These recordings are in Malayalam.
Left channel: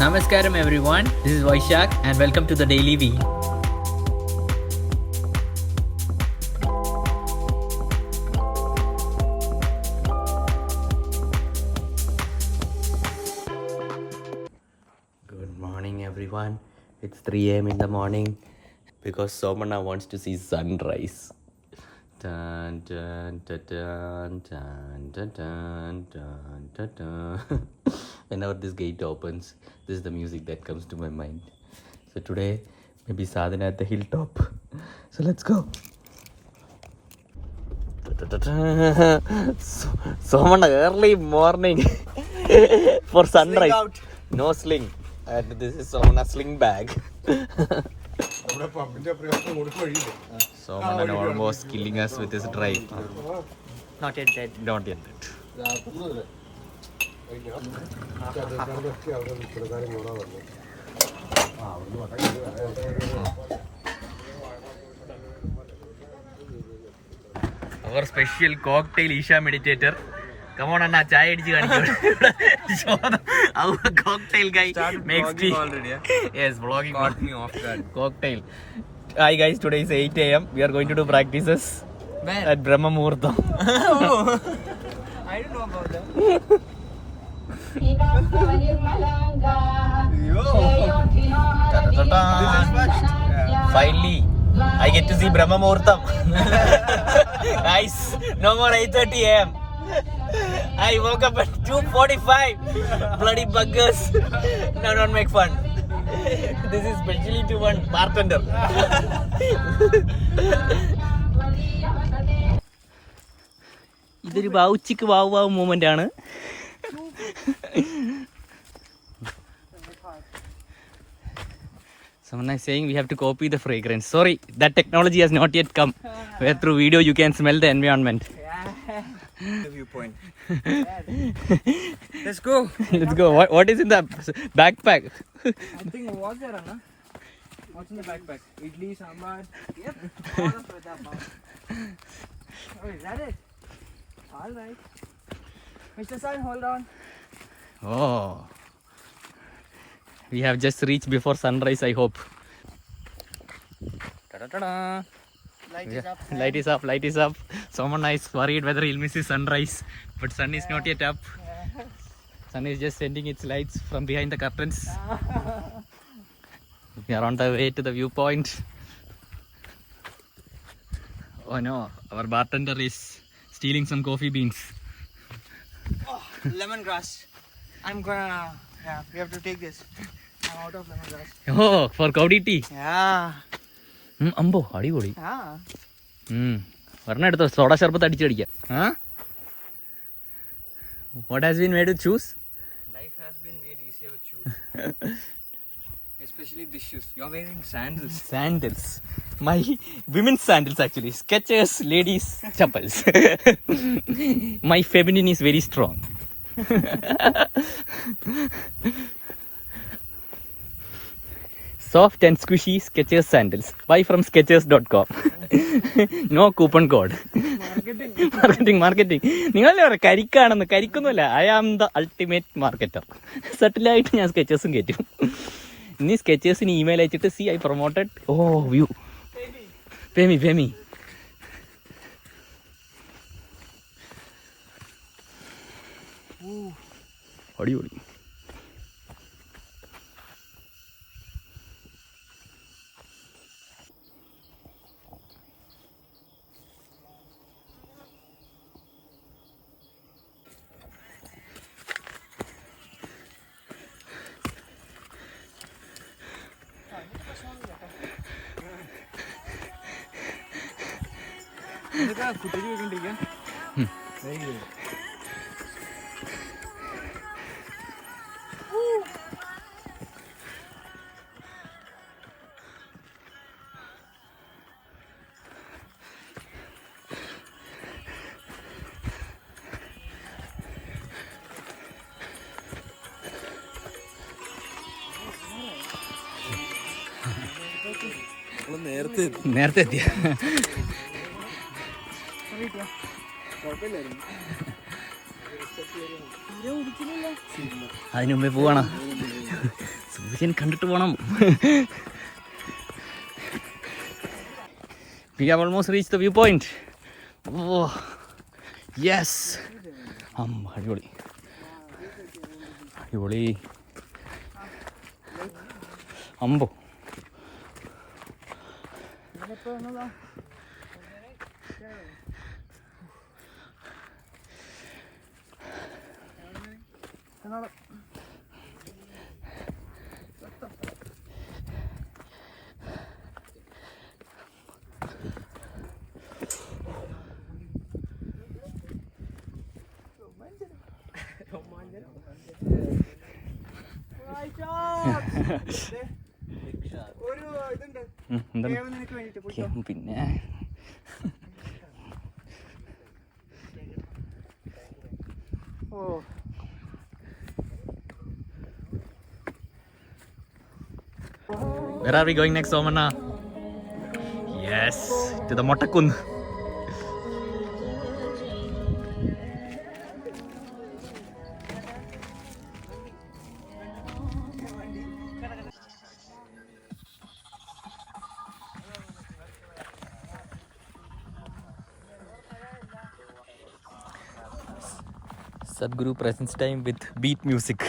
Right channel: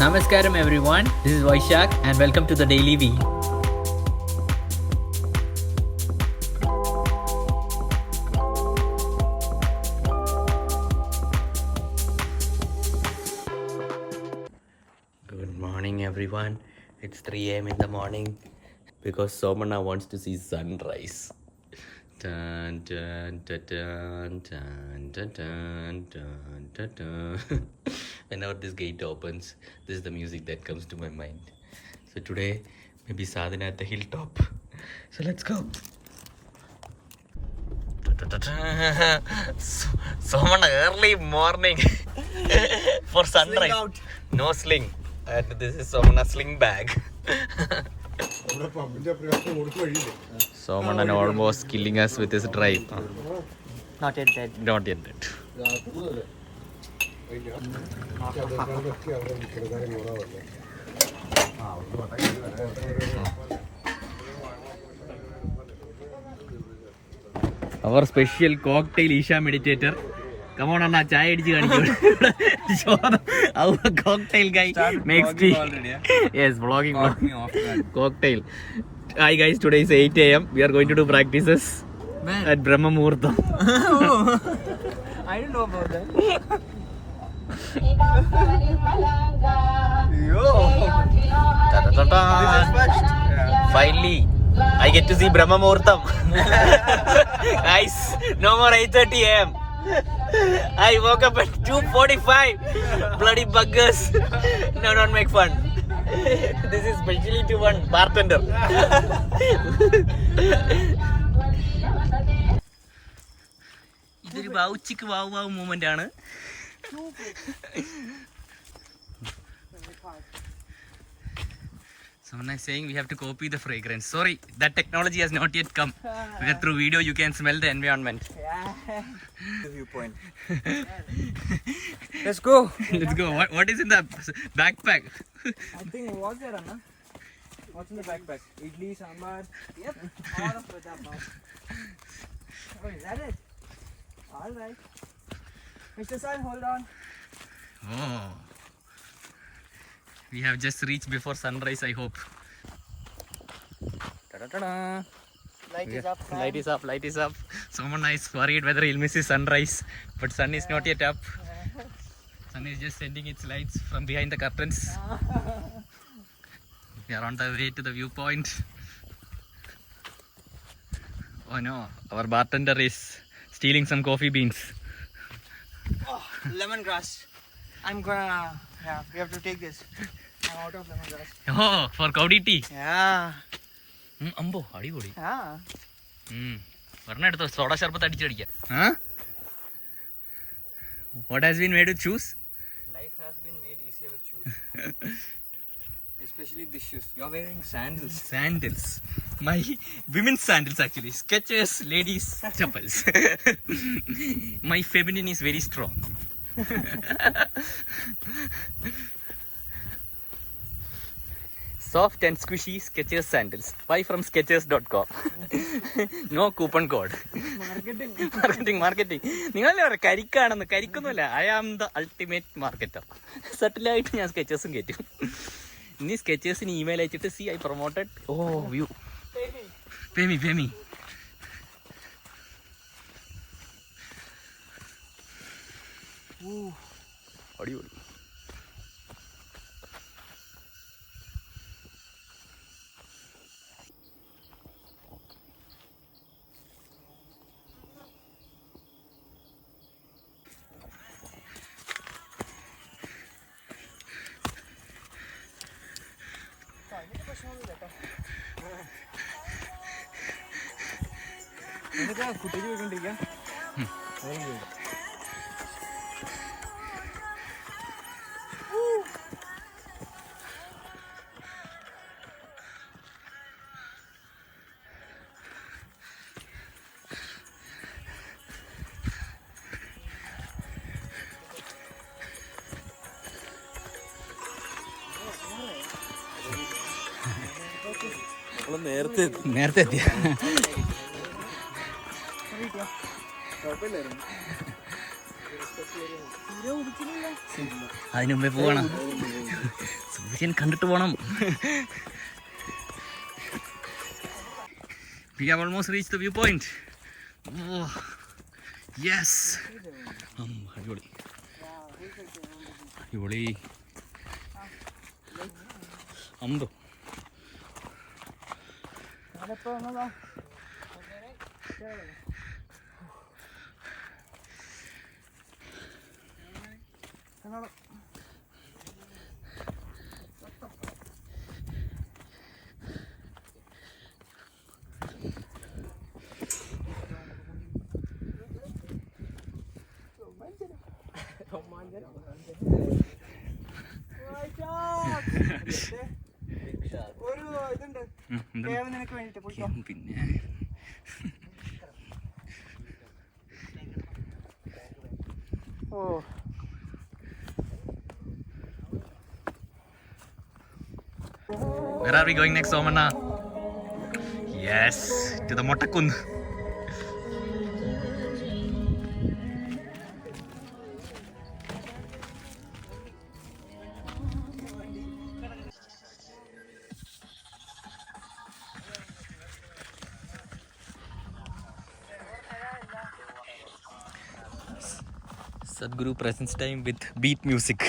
Namaskaram everyone, this is Vaishak and welcome to the Daily V. Good morning everyone, it's 3 a.m. in the morning because Somana wants to see sunrise. Dun, dun, dun, dun, dun, dun, dun, dun, dun, dun. Whenever this gate opens, this is the music that comes to my mind. So today, maybe Sadhana at the hilltop. So let's go. So early morning for sunrise. Out. No sling. And this is Somana's sling bag. Soman almost killing us with his drive. Not yet dead. Not yet dead. Our special cocktail Isha meditator. Come on, Anna, chai edichi kanikku. Show them how the cocktail guy makes tea. Already, yeah? Yes, vlogging. Caught me off guard. Cocktail. Hi guys, today is 8 a.m. We are going to do practices at Brahma Muhurtam. Oh, I didn't know about that. Finally, I get to see Brahma Muhurtam. Guys, no more 8:30 a.m. I woke up at 2:45. Bloody buggers. No, don't make fun. This is specially to one bartender. ഇതൊരു ഉച്ചക്ക് വാവ് മൂമെന്റ് ആണ്. Someone is saying we have to copy the fragrance. Sorry, that technology has not yet come. Where through video you can smell the environment. The viewpoint. Let's go. Let's go. What is in the backpack? I think water, Anna. What's in the backpack? Idli, sambar. Yep. All of that. Oh, is that it? All right. Mr. Sun, hold on. Oh. We have just reached before sunrise, I hope. Ta-da-da-da. Light is up. Light is up, light is up. Someone is worried whether he'll miss his sunrise. But sun is not yet up. Sun is just sending its lights from behind the curtains. We are on the way to the viewpoint. Oh no, our bartender is stealing some coffee beans. Oh, lemongrass. I'm gonna... Yeah, we have to take this. I'm out of lemongrass. Oh, for Kaudi tea. Yeah. Ambo, adipoli. Yeah. Varna edutho soda sharbat adichadikka. Huh? What has been made with shoes? Life has been made easier with shoes. Especially these shoes. You're wearing sandals. Sandals. My women's sandals actually. Skechers, ladies, chappals. My feminine is very strong. Soft and squishy Skechers sandals. Buy from Skechers.com. No coupon code. Marketing. നിങ്ങളല്ലേ പറയാം കരിക്കാണെന്ന്. കരിക്കൊന്നുമല്ല. I am the ultimate marketer. സെറ്റിലായിട്ട് ഞാൻ സ്കെച്ചേഴ്സും കയറ്റും. ഇനി സ്കെച്ചേഴ്സിന് ഇമെയിൽ അയച്ചിട്ട് see I promoted. Oh, view. Pay me. അടിപൊളി. കുട്ടിക്ക് പോയിക്കൊണ്ടിരിക്കാം. Very good. നേരത്തെ എത്തിയ കുഴപ്പമില്ലായിരുന്നു. അതിനു മുമ്പേ പോവാണ്. സൂര്യൻ കണ്ടിട്ട് പോണം. We have almost reached the viewpoint. Oh, yes. അടിപൊളി അടിപൊളി. അമ്പോ ഒരു ഇതുണ്ട് നിനക്ക് വേണ്ടിട്ട് പോയിക്കോ. പിന്നെ ഓ where are we going next, Somanna? Yes, to the Mottakund. Sadhguru presents time with beat music.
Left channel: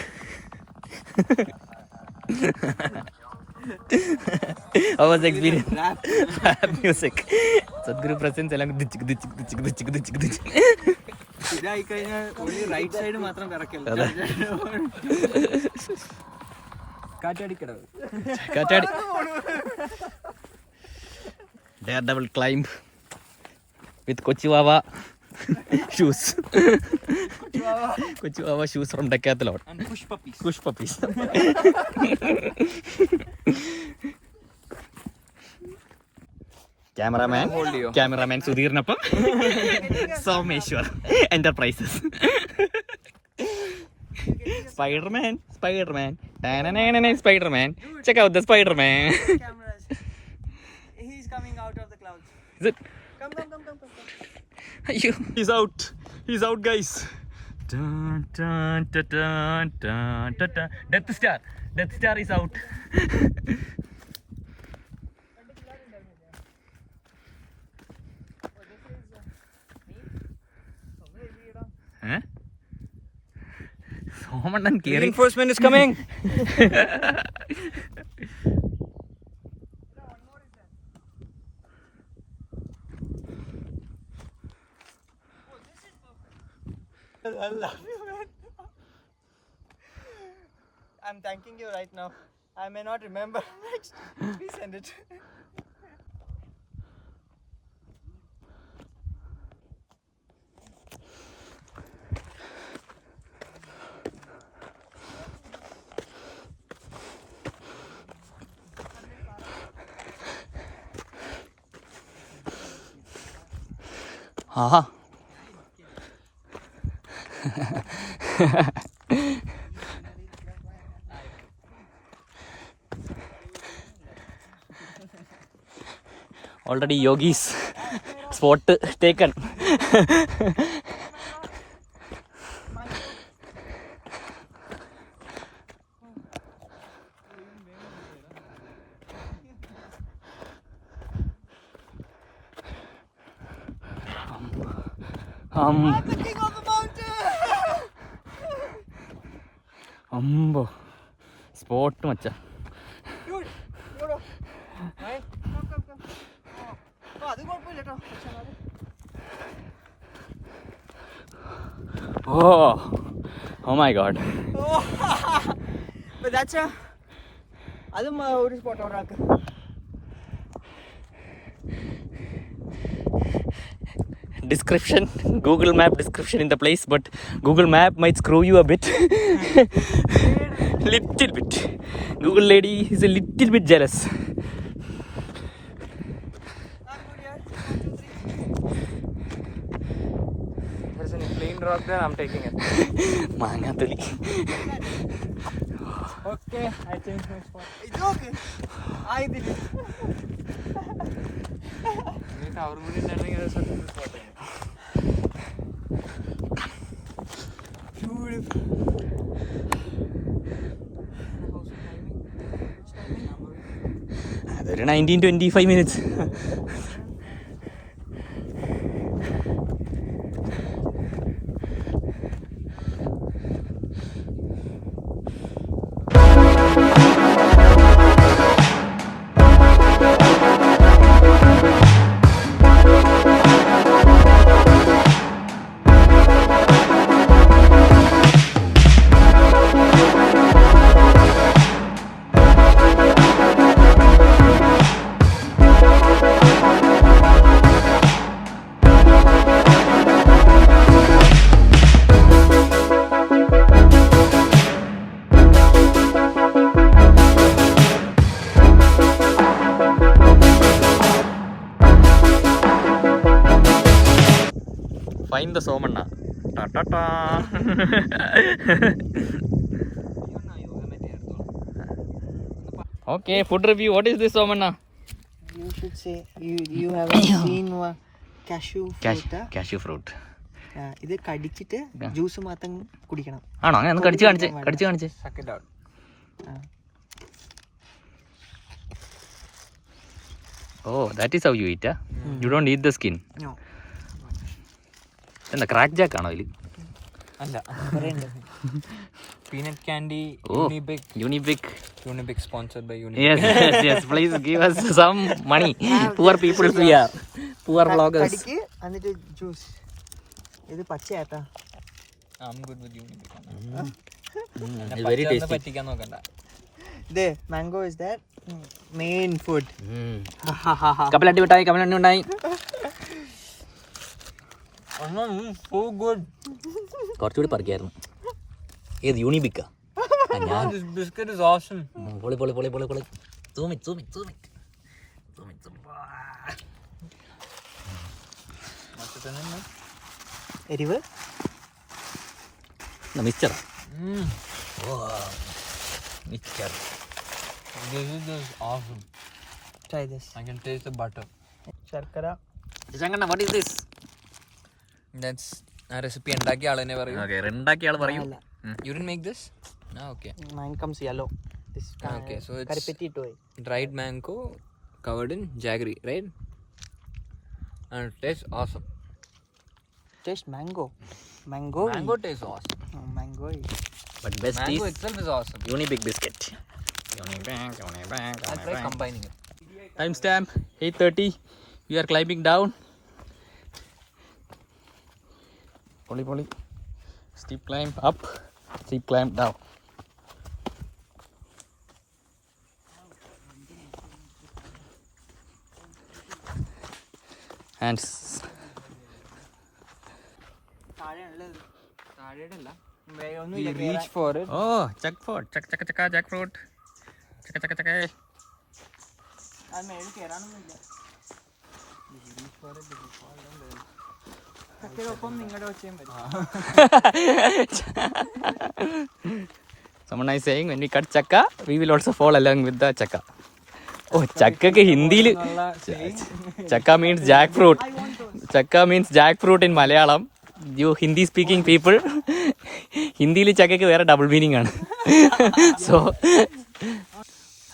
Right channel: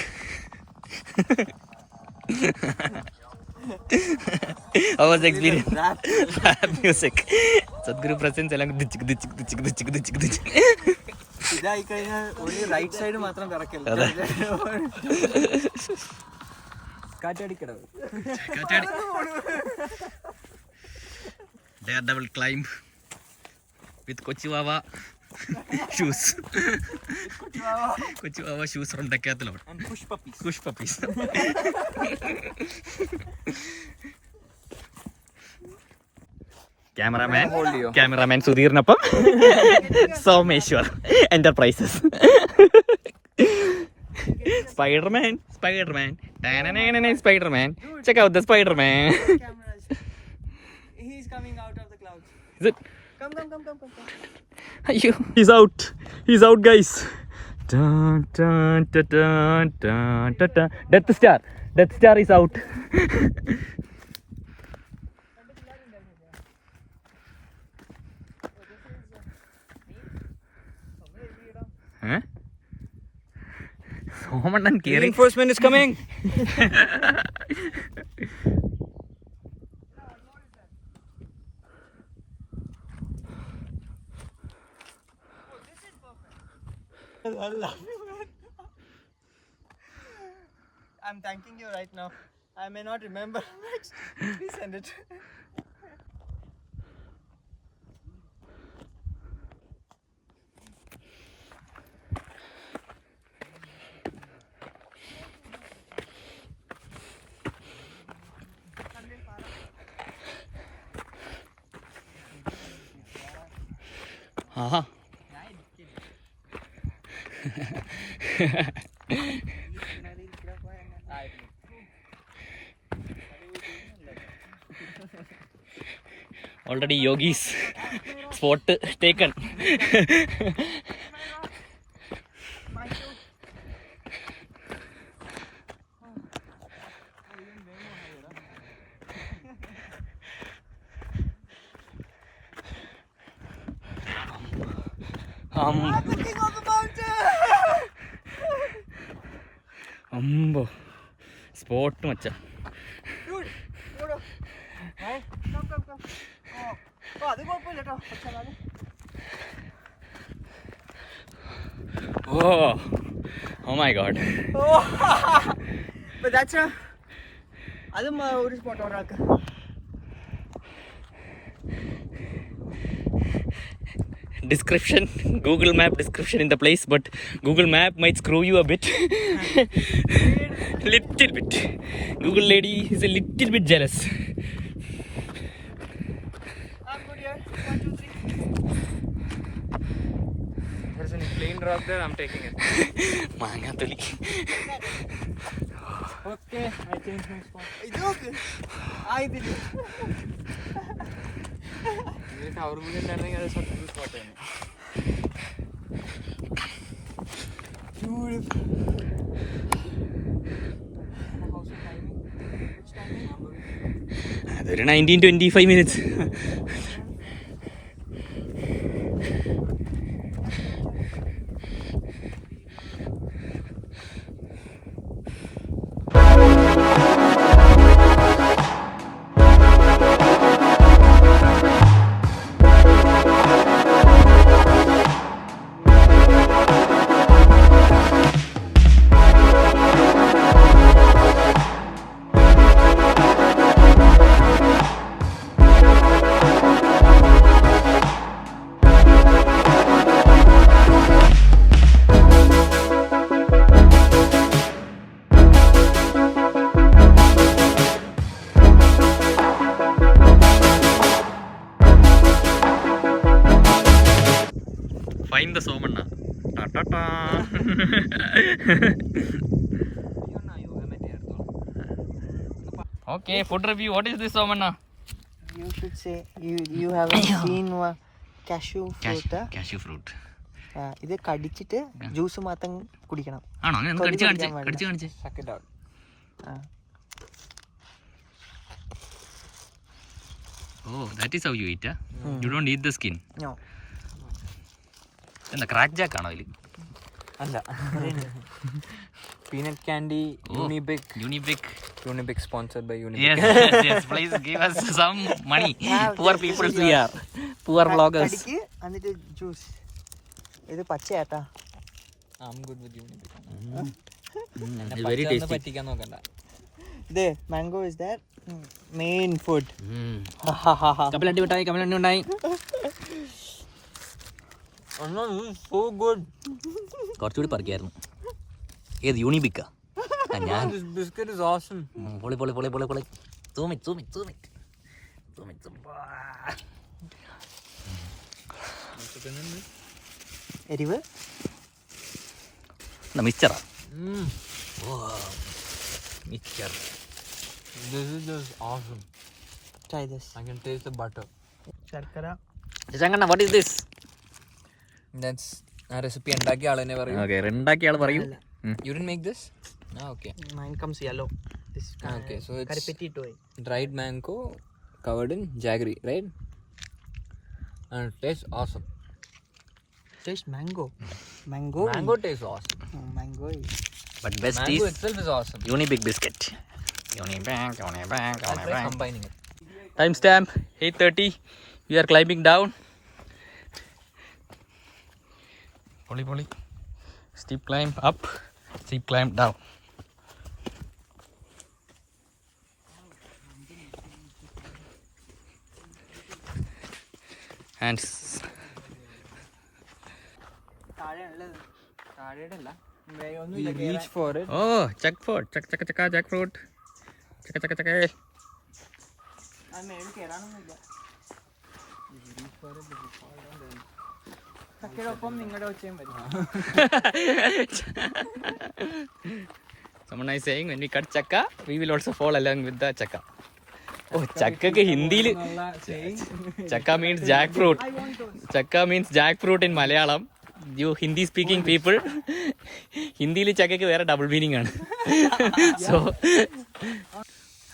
How was the experience? Rap music. Sadhguru presents along ditchik. ഇതായി കഴിഞ്ഞാൽ ഒരു റൈറ്റ് സൈഡ് മാത്രം വിറക്കല്ല. Kattadikadavu. Daredevil climb with Kochiwawa shoes. Kochiwawa shoes from Decathlon. And push puppies. Kush puppies. Cameraman Sudhirnapam. Someshwar Enterprises. Spider-Man. Spider-Man. Check out the Spider-Man. Cameras. He's coming out of the clouds. Is it? Come. Ayyo. He's out, guys. Dun, dun, dun, dun, dun, dun, dun. Death Star is out. Huh? Somannan Reinforcement is coming. I'm thanking you right now. I may not remember. Please send it. Aha. Already Yogi's spot taken. I'm the king of the mountain. Ambo spot macha. Dude. Hey, come. Oh, അത് കുഴപ്പമില്ല കേട്ടോ. പക്ഷേ അത് Oh my god. Oh. But that's അതും ഒരു സ്പോട്ട് ഒരാൾക്ക്. Description, Google Map description in the place, but Google Map might screw you a bit. Little bit. Google lady is a little bit jealous. I'm good here. 1, 2, 3. There's any plain rock there, I'm taking it. Mangatali. Okay, I changed my spot. It's okay. I did it. Our movie landing is a good spot. അതൊരു 19-25 minutes. Find the Somanna. Ta ta ta. Okay, food review. What is this Somanna? You should say you haven't seen cashew fruit. Cashew fruit. ഇത് കടിച്ചിട്ട് ജ്യൂസ് മാത്രം കുടിക്കണം. ആണോ? അങ്ങനെ ഒന്ന് കടിച്ച് കാണിച്ചേ. Suck it out. Oh, that is how you eat, huh? You don't eat the skin. No. എന്താ ക്രാക്ക് ജാക്ക് ആണോ ഇതിൽ? അല്ല. Peanut candy. Unibic sponsored by Unibic. Yes, please give us some money. Poor people we are. Poor vloggers. കടിക്ക് എന്നിട്ട് ജ്യൂസ്. ഇത് പച്ചയാട്ടാ. I'm good with Unibic. Very tasty. പറ്റിക്കാൻ നോക്കണ്ട. ഇത് mango is that main food. കപ്പലണ്ടി ഉണ്ടായി. So good. കുറച്ചുകൂടി പറിക്കായിരുന്നു. ഏത് യൂണിബിക്കാ? This biscuit is awesome. പൊളി. Zoom it. എരിവ് മിക്സ്ചറാ. Mixture. This is just awesome. try this. I can taste the butter. ശർക്കര. ചങ്ങണ്ണ, what is this? That's ആ റെസിപ്പി ഉണ്ടാക്കിയ ആളെന്നെ പറയും. Okay, ഉണ്ടാക്കിയ ആൾ പറയും. You didn't make this? Okay. Mine comes yellow. This Okay, so it's കരിപ്പെട്ടി ഇട്ടു പോയി. dried mango covered in jaggery, right? And it tastes awesome. Taste mango. Mango tastes awesome. Mango. But best Mango is itself is awesome. Unibic biscuit. I try combining it. Time stamp 8:30. We are climbing down. Poli. Steep climb up, steep climb down. And താഴെയല്ല. We reach for it. oh, jackfruit. Jackfruit. Chaka. അത് മേളിൽ കയറാനൊന്നുമില്ല. ചക്കയുടെ നിങ്ങളുടെ ഒച്ചയും വരും. Someone is saying when we cut chakka, we will also fall along with the chakka. Oh, chakka ke Hindi chakka means jackfruit. Chakka means jackfruit in Malayalam. You Hindi speaking people, ഹിന്ദിയിൽ ചക്കയ്ക്ക് വേറെ ഡബിൾ മീനിങ് ആണ്. So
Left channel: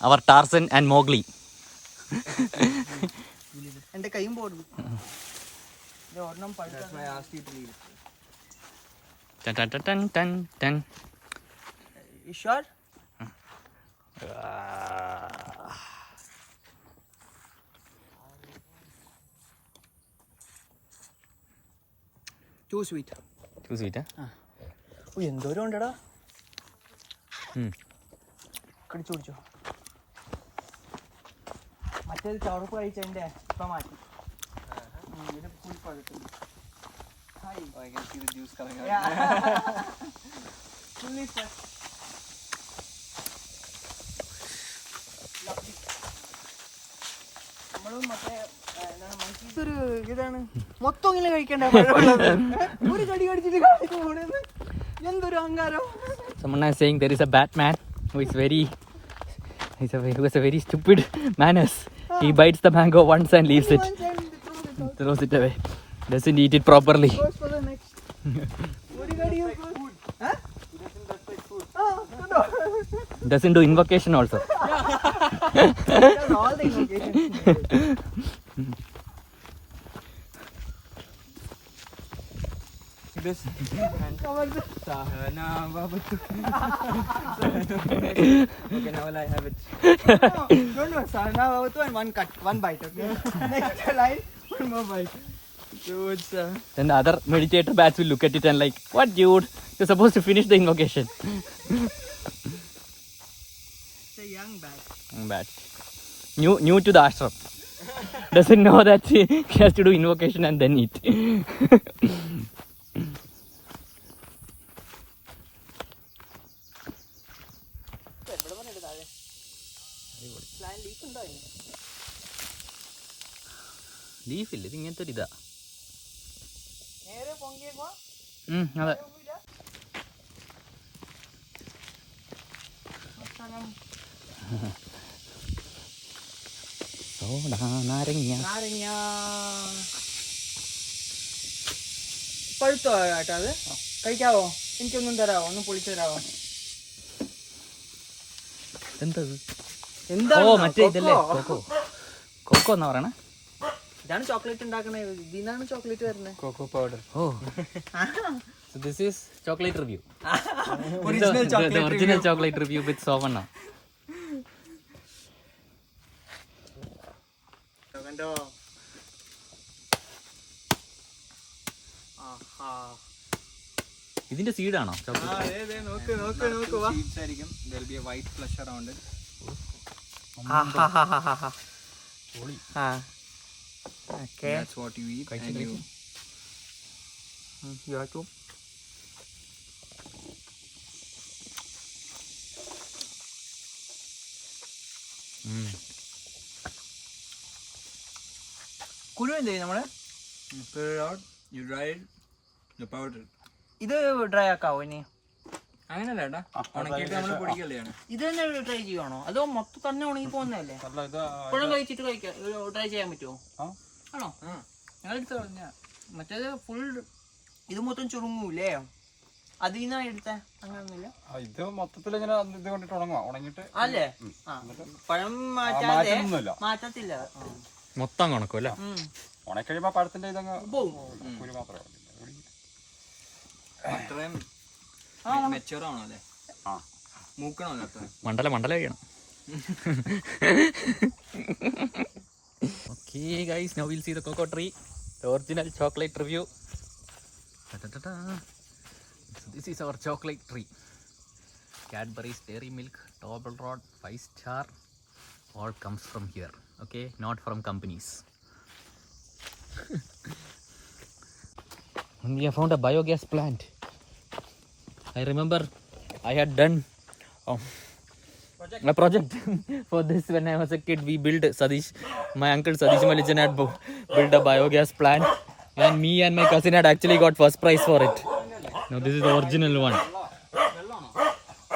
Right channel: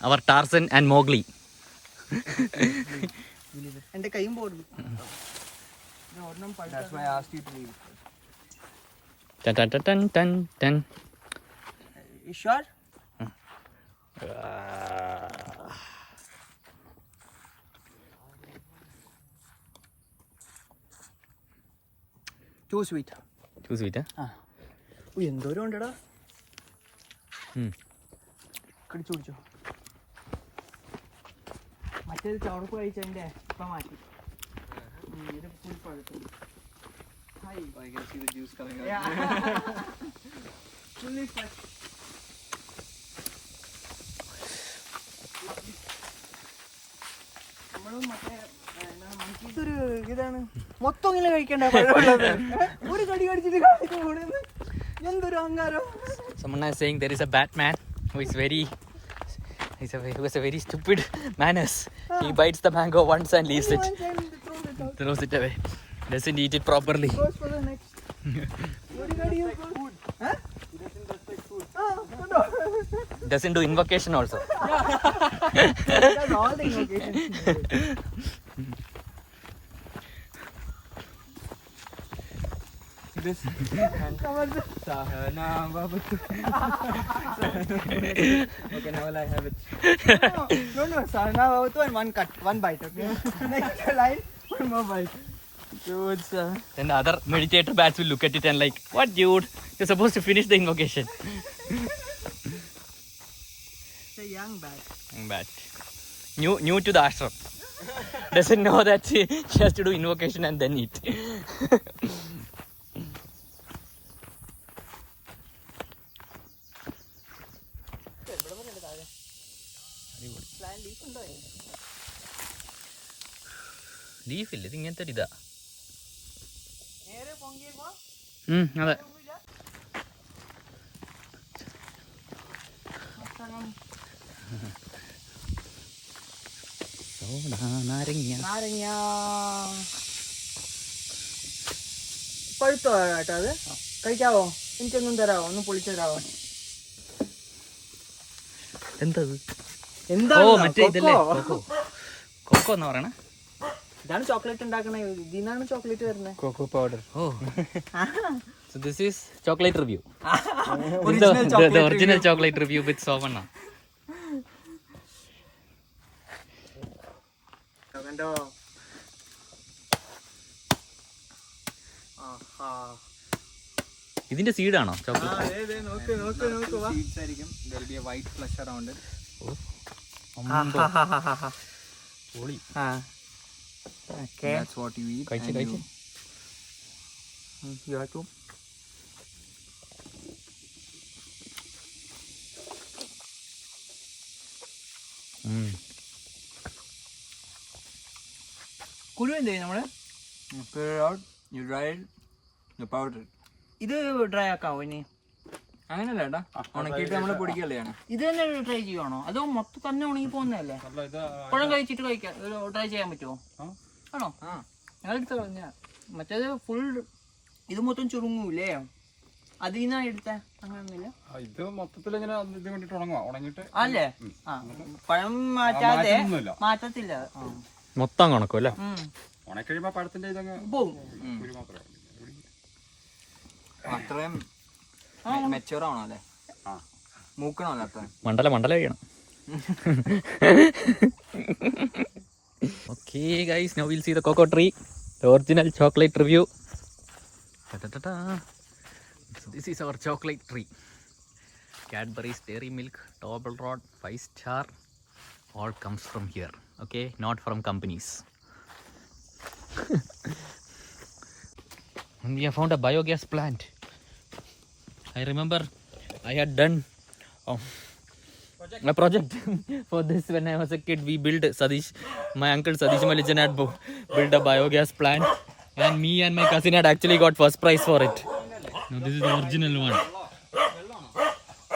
our Tarzan and Mowgli. എന്റെ കൈയും പോടും. ഒരെണ്ണം പഴുത്ത. Tan. You sure? Too sweet. Too sweet, huh? എന്തോരം ഉണ്ടോ. കടിച്ചു കുടിച്ചോ. മറ്റേത് ചവറപ്പ് കഴിച്ചതിന്റെ ഇപ്പം മാറ്റി. ഇത് ഫുൾ പഴുത്തു. I can see the juice coming out. Fully cut. ഇതൊരു ഇതാണ് മൊത്തം ഇങ്ങനെ കഴിക്കണ്ട പഴമുള്ളത്. ഒരു കടി കടിച്ചിട്ട് കാണിച്ചു പോണെന്ന് എന്തൊരു അഹങ്കാരം. Someone is saying there is a Batman who is very stupid manners. He bites the mango once and leaves it. Throws it away. Doesn't eat it properly. Goes for the next. ഒരു കടിയും Doesn't do invocation also. Does all the invocations. This Sahana Babatu. Okay, now I have it. No, Sahana Babatu and one bite. Okay, next line, one more bite. Dude, Then the other meditator batch will look at it and like, what dude? You're supposed to finish the invocation. it's a young bat. Batch. New to the ashram. Doesn't know that she has to do invocation and then eat. Leaf ഇല്ല, ഇത് ഇങ്ങനത്തെ ഒരു ഇതാ. അതെ. നാരങ്ങ പഴുത്തോ കേട്ടോ അത്? കഴിക്കാവോ? എനിക്കൊന്നും തരാവോ? ഒന്ന് പൊളിച്ചു തരാവോ? എന്തത്? എന്താ? ഓ മറ്റേ ഇതല്ലേ, കോക്കോ. കോക്കോ എന്നാ പറയണേ? ഇതാണ് ചോക്ലേറ്റ് ഉണ്ടാക്കണത്. ഇതിനാണ് ചോക്ലേറ്റ് വരുന്നത്. Cocoa powder. Oh. So this is chocolate review. Original The original chocolate review with Somanna. കണ്ടോ? ആഹാ. ഇതിന്റെ സീഡാണോ ആ, ചോക്ലേറ്റ്? ദേ, നോക്ക് വാ. Seeds ആയിരിക്കും. There will be a white flesh around it. പൊളി. ആ. Okay. That's what you eat. കഴിച്ച് and കഴിച്ച്. You have to. കുരു എന്ത് ചെയ്യും നമ്മള്? You put it out, you dry it, the powder. ഇത് ഡ്രൈ ആക്കാവോ ഇനി? അങ്ങനെയല്ല ഏട്ടാ, ഉണക്കിയിട്ട് നമ്മൾ പൊടിക്കല്ലേ ആണ്. ഇത് തന്നെ ട്രൈ ചെയ്യുവാണോ? അതോ മൊത്തം തന്നെ ഉണങ്ങി പോകുന്നതല്ലേ? ഇപ്പോഴും കഴിച്ചിട്ട് ട്രൈ ചെയ്യാൻ പറ്റുമോ? ആണോ? ഞാനെടുത്ത് കളഞ്ഞ മറ്റേത് ഫുൾ ഇത് മൊത്തം ചുരുങ്ങൂലേ? അതിൽ നിന്നാ എടുത്ത അങ്ങനൊന്നുമില്ല. ഇത് മൊത്തത്തിൽ ഇങ്ങനെ ഇത് കൊണ്ടിട്ട് ഉണങ്ങിട്ട് അല്ലേ? പഴം മാറ്റാതെ മാറ്റത്തില്ല. മൊത്തം കണക്കും അല്ലേ? ഉണക്കഴിയുമ്പോ പഴത്തിന്റെ ഇതങ്ങ് പോവും. ഒരു മാത്രമേ അത്രയും മെച്ചൂർ ആണോ അല്ലേ? മൂക്കണമല്ലോ അത്രയും. മണ്ടല കഴിയണം. Okay guys, now we'll see the cocoa tree, the original chocolate review. Ta-ta-ta-ta. This is our chocolate tree. Cadbury's Dairy Milk, Toblerone, 5-star, all comes from here. Okay, not from companies. And we have found a biogas plant. I remember I had done a project for this when I was a kid. We built my uncle Sadish Malijan had built a biogas plant, and me and my cousin had actually got first prize for it. No, this is the original one.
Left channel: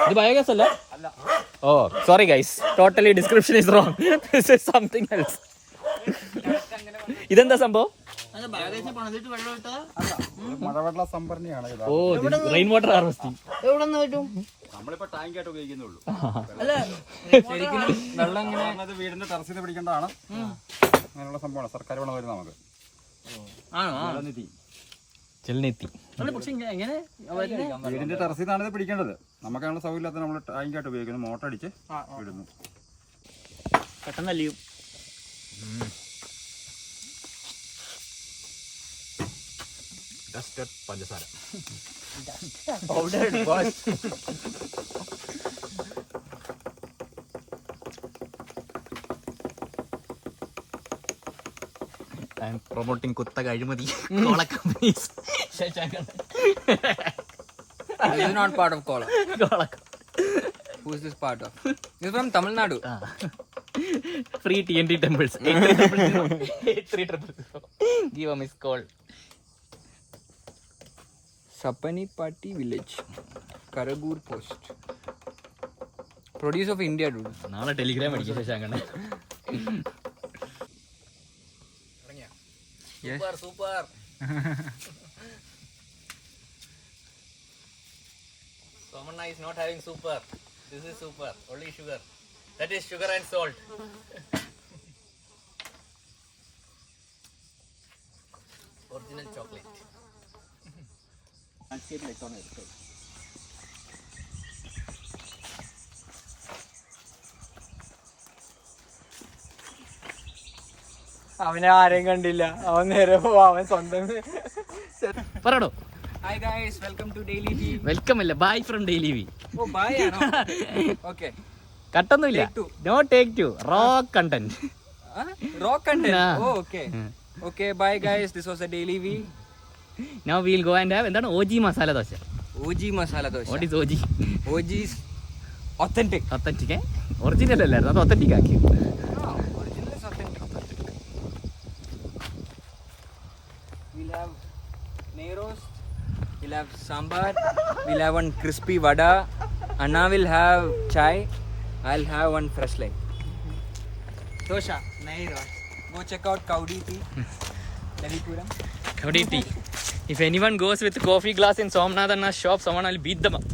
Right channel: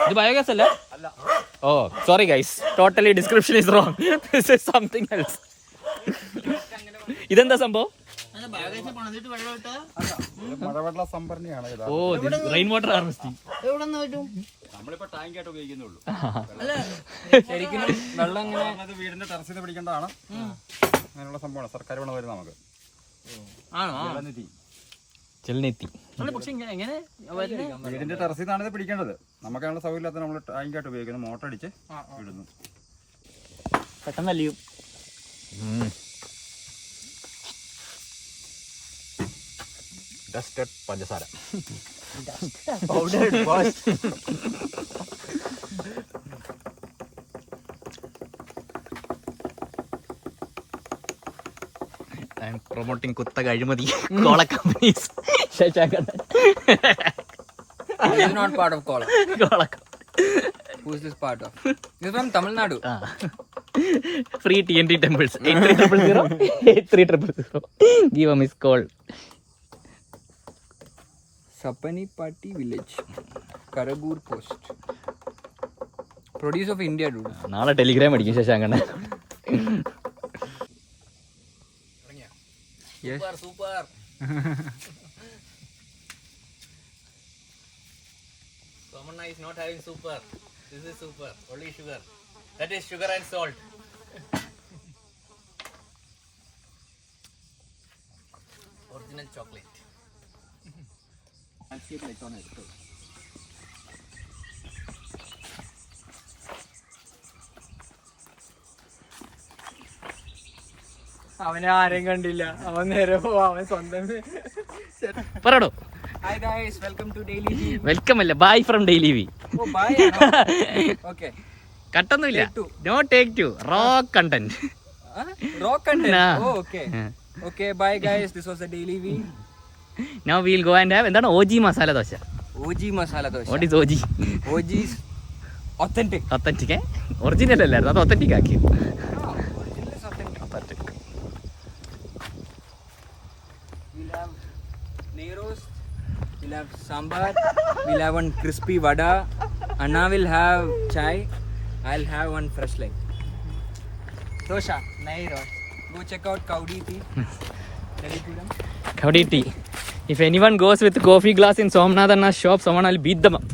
The biogas alla? Oh, sorry guys, totally description is wrong. This is something else. ഇതെന്താ സംഭവം? മഴവെള്ള സംഭരണിയാണ് ഇത്. ഓ, റെയിൻ വാട്ടർ ഹാർവെസ്റ്റിംഗ്. എവിടെ നിന്ന് കിട്ടും? നമ്മളിപ്പോ ടാങ്ക് ആയിട്ട് ഉപയോഗിക്കുന്നുള്ളൂ. അല്ല ശരിക്കും വെള്ളം ഇങ്ങനെ അത് വീടിന്റെ ടെറസിൽ നിന്ന് പിടിക്കേണ്ടതാണ്. അങ്ങനെയുള്ള സംഭവമാണ് സർക്കാർ വെള്ളം വരുന്നത് നമുക്ക്. ആണോ? ചെൽനെത്തി. പക്ഷെ എങ്ങനെ വീടിന്റെ ടെറസിൽ നിന്നാണ് ഇത് പിടിക്കേണ്ടത്. നമുക്ക് അതിനുള്ള സൗകര്യമില്ലാത്ത നമ്മൾ ടാങ്ക് ആയിട്ട് ഉപയോഗിക്കുന്നു. മോട്ടർ അടിച്ച് ഇടുന്നു. പെട്ടെന്ന് അല്ലയോ? ഡസ്റ്റഡ് പഞ്ചസാര. I am promoting കുത്തക അഴിമതി cola companies. This is not part of Kola. Cola. Who is this part of? This is from Tamil Nadu. Free TNT temples. 8300. Give a miss call. Sapanipati village, Karagur post. Produce of India, dude. നാളെ ടെലിഗ്രാം അടിക്കും ശശാങ്കണ്ണ. Yes. Super. Somanna is not having super. This is super. Only sugar. That is sugar and salt. Original chocolate. അവനെ ആരെയും കണ്ടില്ല, അവൻ നേരെ പോവാ, അവൻ സ്വന്തം. പറയടോ. Hi guys, welcome to Daily V. Welcome അല്ല, bye from Daily V. Oh, bye. Okay. കട്ടൊന്നുമില്ല. Take two. No take two. Raw content. Rock content. Nah. Oh, okay. Okay, bye guys. This was the Daily V. Now we'll go and have എന്താണ് OG masala dosa. OG masala dosha. What is OG? OG is authentic. Authentic. Original അല്ലായിരുന്നു, അത് ഒത്തന്റിക് ആക്കി. Ah, original is authentic. We'll have Neros. We'll have sambar. We'll have one crispy vada. Anna will have chai. I'll have one fresh lime. Dosha, Neros. Go check out Kaudi Tea. Dalipuram. Kaudi tea. If anyone goes with coffee glass in Somnath Anna's shop, someone will beat them up.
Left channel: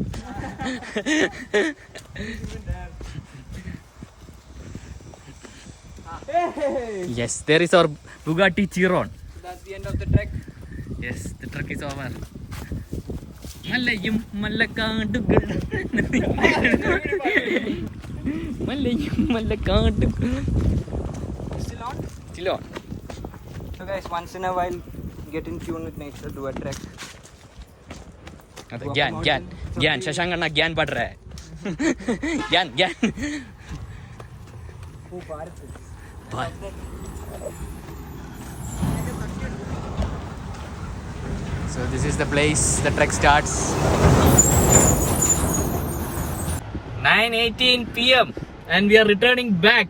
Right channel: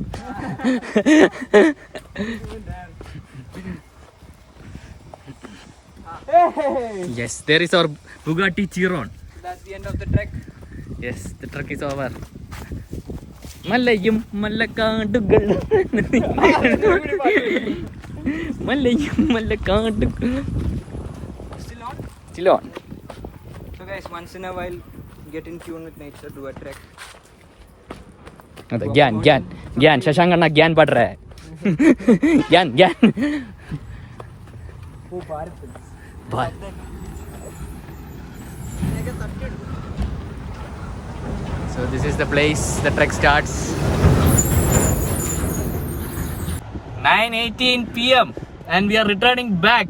Hey! Yes, there is our Bugatti Chiron. So that's the end of the trek. Yes, the truck is over. മലയും മലക്കാടുകൾ മലയും മലക്കാടുകൾ. Still on? Still on. So guys, once in a while, get in tune with nature, do a trek. അതെ, Gyan ശശാങ്കണ്ണ Gyan പാടറേ. Gyan. Bye. So this is the place the trek starts. 9:18 p.m. and we are returning back.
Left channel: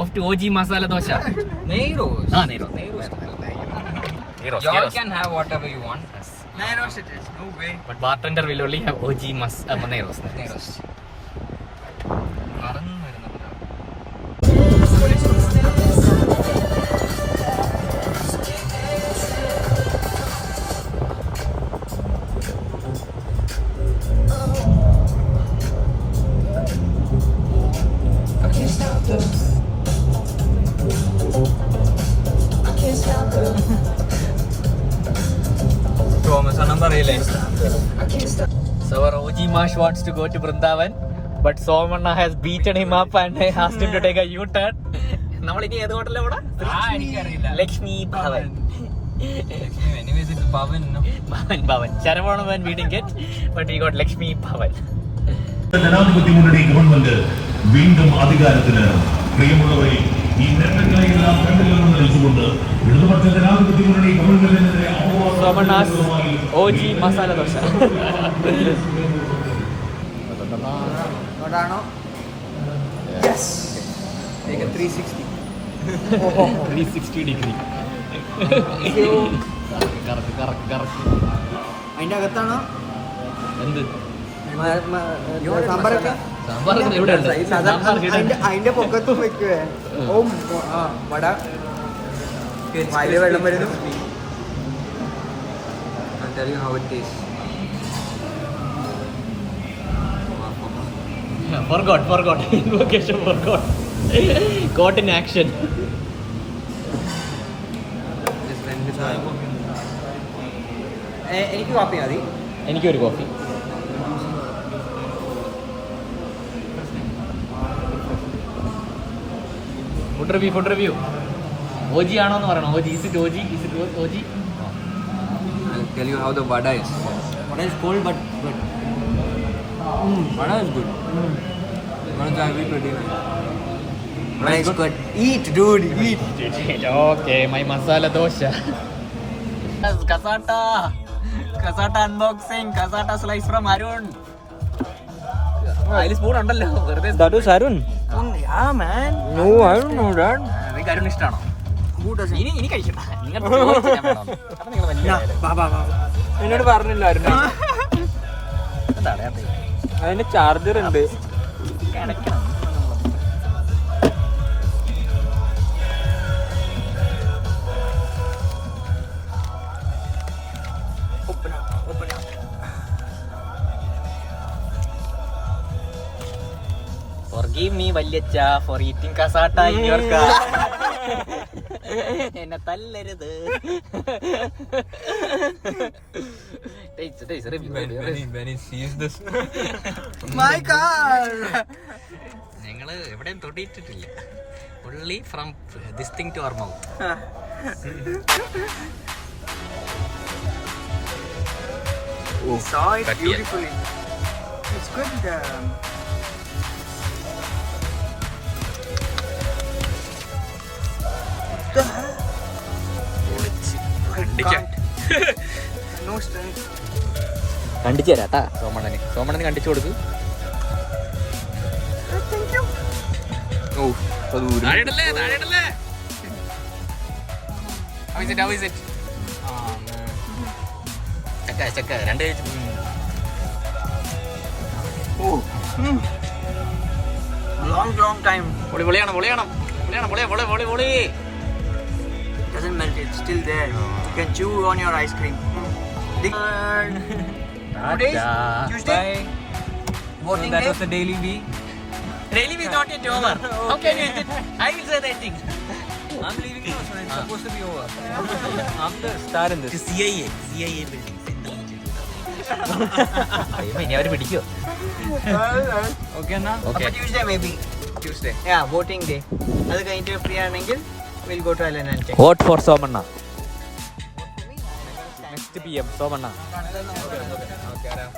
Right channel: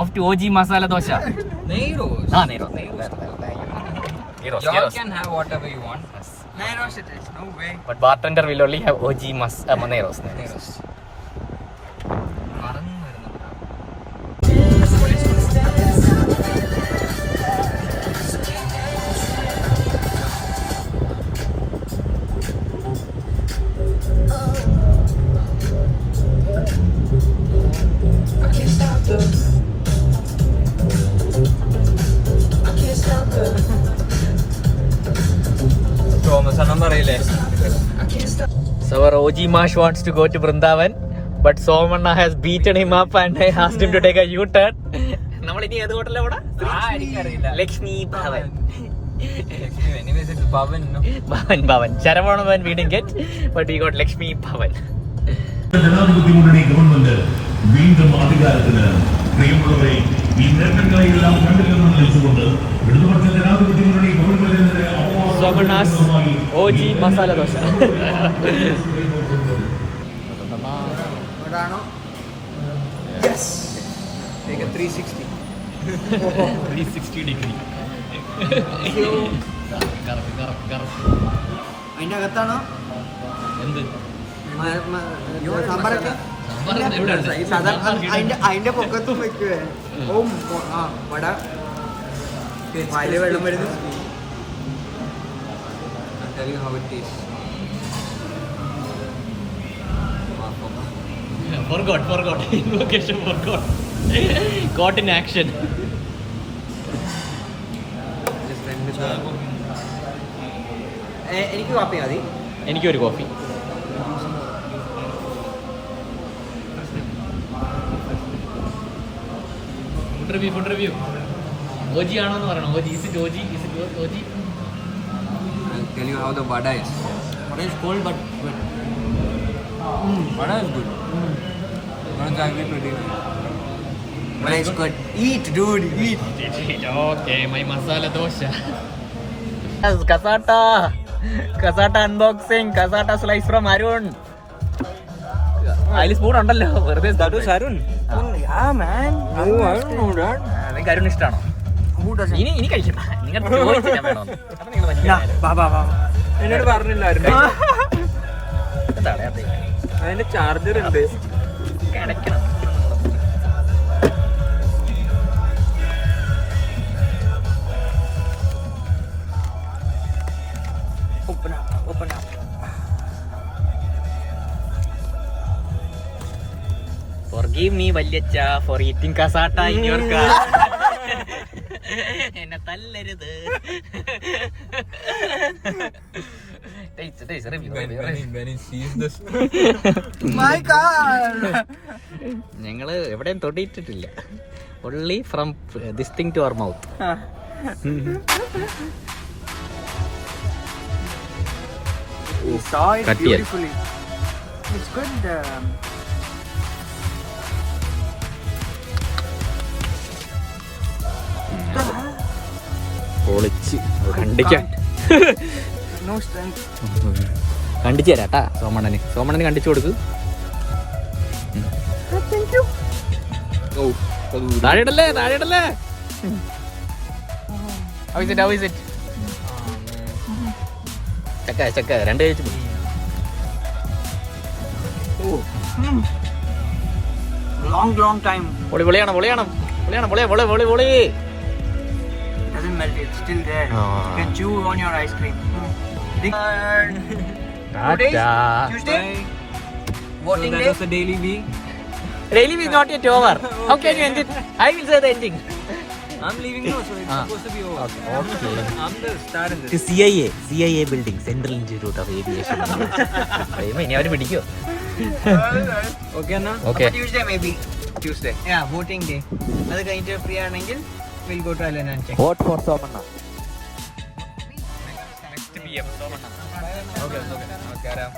Off to OG masala dosha. Neros. Neros. Y'all can have whatever you want. Neros it is, no way. But bartender will only have OG Neros. So our OG Mash wants to go to Vrindavan, but Somanna has beaten him up and asked him to take a U-turn. നമ്മളിനി ഏത് ഹോട്ടലിലാണ് ഇവിടെ? Lakshmi Bhavan. Anyways, it's Bhavan, no? Bhavan. Saravana Bhavan we didn't get, but we got Lakshmi Bhavan. ജനാധിപത്യ മുന്നണി ഗവൺമെന്റ് വീണ്ടും അധികാരത്തിന്. പ്രിയമുള്ളവരെ, ഈ നേട്ടങ്ങളെല്ലാം വേണ്ടതെന്ന് നയിച്ചുകൊണ്ട് ഇടതുപക്ഷ ജനാധിപത്യ മുന്നണി ഗവൺമെന്റിന്റെ Somanna's OG masala dosa. What? Yes! Take a 360. 360 degree. Correct. അതിന്റെ അകത്താണോ എന്ത് സാമ്പാറൊക്കെ? അതിന്റെ പൊക്കത്തും വെക്കുവേ. ഓ വട, വായില് വെള്ളം വരുന്നു. Tell you how it tastes. Forgot. Invocation forgot. Caught in action. എനിക്ക് കാപ്പി മതി. എനിക്കൊരു കോഫി. Food review. OG ആണോന്ന് പറയണം. OG. Is it OG? I'll tell you how the vada is. Vada is cold but good. Vada is good. Vada is actually pretty good. Vada is good. Eat, dude, eat. Okay, my masala dosha. Kasata unboxing. Kasata slice from Arun. അതിൽ സ്പൂൺ ഉണ്ടല്ലോ, വെറുതെ. That was Arun. Yeah, man. No, I don't know that. നിങ്ങൾക്ക് അരുൺ ഇഷ്ടമാണോ? ഇനി കഴിക്കണ്ട. നിങ്ങൾ ചോദിച്ചില്ല വേണോ? അപ്പൊ നിങ്ങൾ എന്നോട് പറഞ്ഞില്ല Arun. എന്താണ് അതിന്റെ ചാർജർ ഉണ്ട്. കിടക്കണം. Forgive me, Valyacha, for eating kasata in your car. എന്നെ തല്ലരുത്. ഞങ്ങള് എവിടെയും തൊടിയിട്ടിട്ടില്ല. Only from this thing to our mouth. We saw it At the end. beautifully. It's good. പൊളിച്ച് കണ്ടിക്കാൻ No strength. കണ്ടിച്ചു തരാട്ടാ സോമണ്ണന് കണ്ടിച്ചു കൊടുക്കും. താഴെയിടല്ലേ. How is it? ചക്ക രണ്ട് കഴിച്ചു. Long time. പൊളി. Doesn't melt. It's still there. You can chew on your ice cream. Today's Tuesday. Voting day. was a daily week. Daily is not yet over. How can you end it? I will say the ending. I'm leaving now, so it's supposed to be over. I'm the star in this. CIA building, Central Institute of Aviation. ഇനി അവര് പിടിക്കോ? Okay, Anna? Okay. Tuesday maybe. Tuesday. Yeah, voting day. അത് കഴിഞ്ഞിട്ട് ഫ്രീ ആണെങ്കിൽ we'll go to Island and check. Vote for Somanna. Next PM, Somanna. Okay, Aram.